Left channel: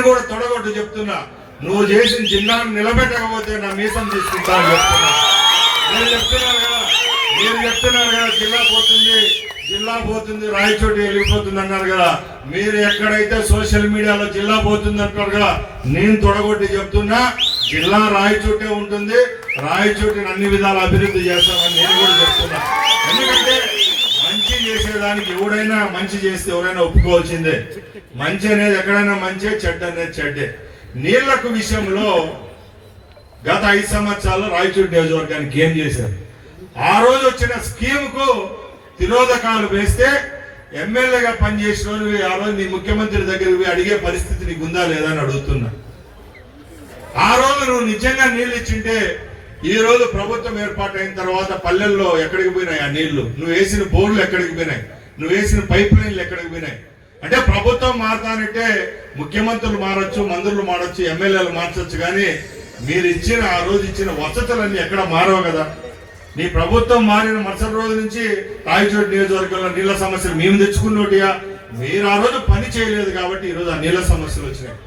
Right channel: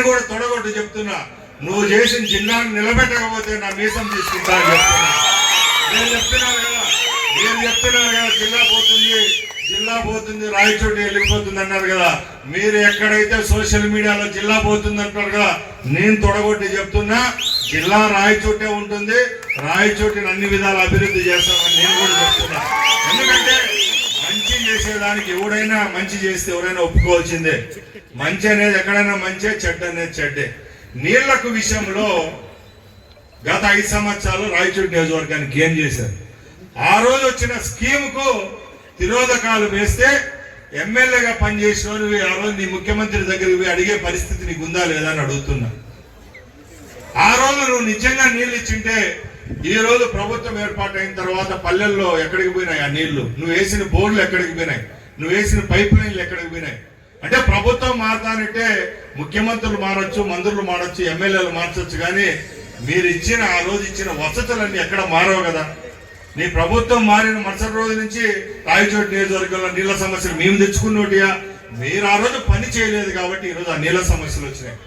కూడా తొడగొట్టు చెప్తున్నా, నువ్వు చేసిన జిల్లాను నిలబెట్టకపోతే నా మీసం తీసుకుంటా అని చెప్తున్నా. నేను చెప్తున్నాను కదా జిల్లా పోతుంది రాయచోటి వెళ్ళిపోతుంది అన్నారు కదా. మీరు ఎక్కడైతే సోషల్ మీడియాలో జిల్లా పోతుంది అంటారు కదా, నేను తొడగొట్టి చెప్తున్నా, జిల్లా రాయచోటే ఉంటుంది. రాయచోటిని అన్ని విధాల అభివృద్ధి చేస్తామని నేను కూడా చెప్తున్నా. ఎందుకంటే మంచి చేసేదానికి ఎవడైనా మంచి చేస్తే ఎవరైనా ఒప్పుకోవాల్సిందే. మంచి అనేది ఎక్కడైనా మంచి, చెడ్డ అనేది చెడ్డే. నీళ్లకు విషయంలో గత 5 సంవత్సరాలు రాయచోటి నియోజకవర్గానికి ఏం చేశారు? ఆ రోజు వచ్చిన స్కీమ్ కు తిరోధకాలు వేస్తే ఎమ్మెల్యేగా పనిచేసిన ఆ రోజు నీ ముఖ్యమంత్రి దగ్గరికి అడిగే పరిస్థితి నీకు ఉందా లేదా అని అడుగుతున్నా. ఆ రోజు నువ్వు నిజంగా నీళ్లు ఇచ్చింటే ఈ రోజు ప్రభుత్వం ఏర్పాటైన తర్వాత పల్లెల్లో ఎక్కడికి పోయినాయి ఆ నీళ్లు? నువ్వు వేసిన బోర్లు ఎక్కడికి పోయినాయి? నువ్వు వేసిన పైప్ లైన్లు ఎక్కడికి పోయినాయి? అంటే ప్రభుత్వం మారతానంటే ముఖ్యమంత్రులు మారచ్చు, మంత్రులు మారచ్చు, ఎమ్మెల్యేలు మార్చొచ్చు, కానీ మీరు ఇచ్చిన ఆ రోజు ఇచ్చిన వసతులన్నీ ఎక్కడ మారవు కదా. నీ ప్రభుత్వం మారిన మరుసటి రోజు నుంచి రాయచోటి నియోజకవర్గంలో నీళ్ల సమస్యలు మేము తెచ్చుకున్నోటియా? మీరు ఆ రోజు పని చేయలేదు కాబట్టి ఈ రోజు ఆ నీళ్ల సమస్యలు వచ్చినాయి.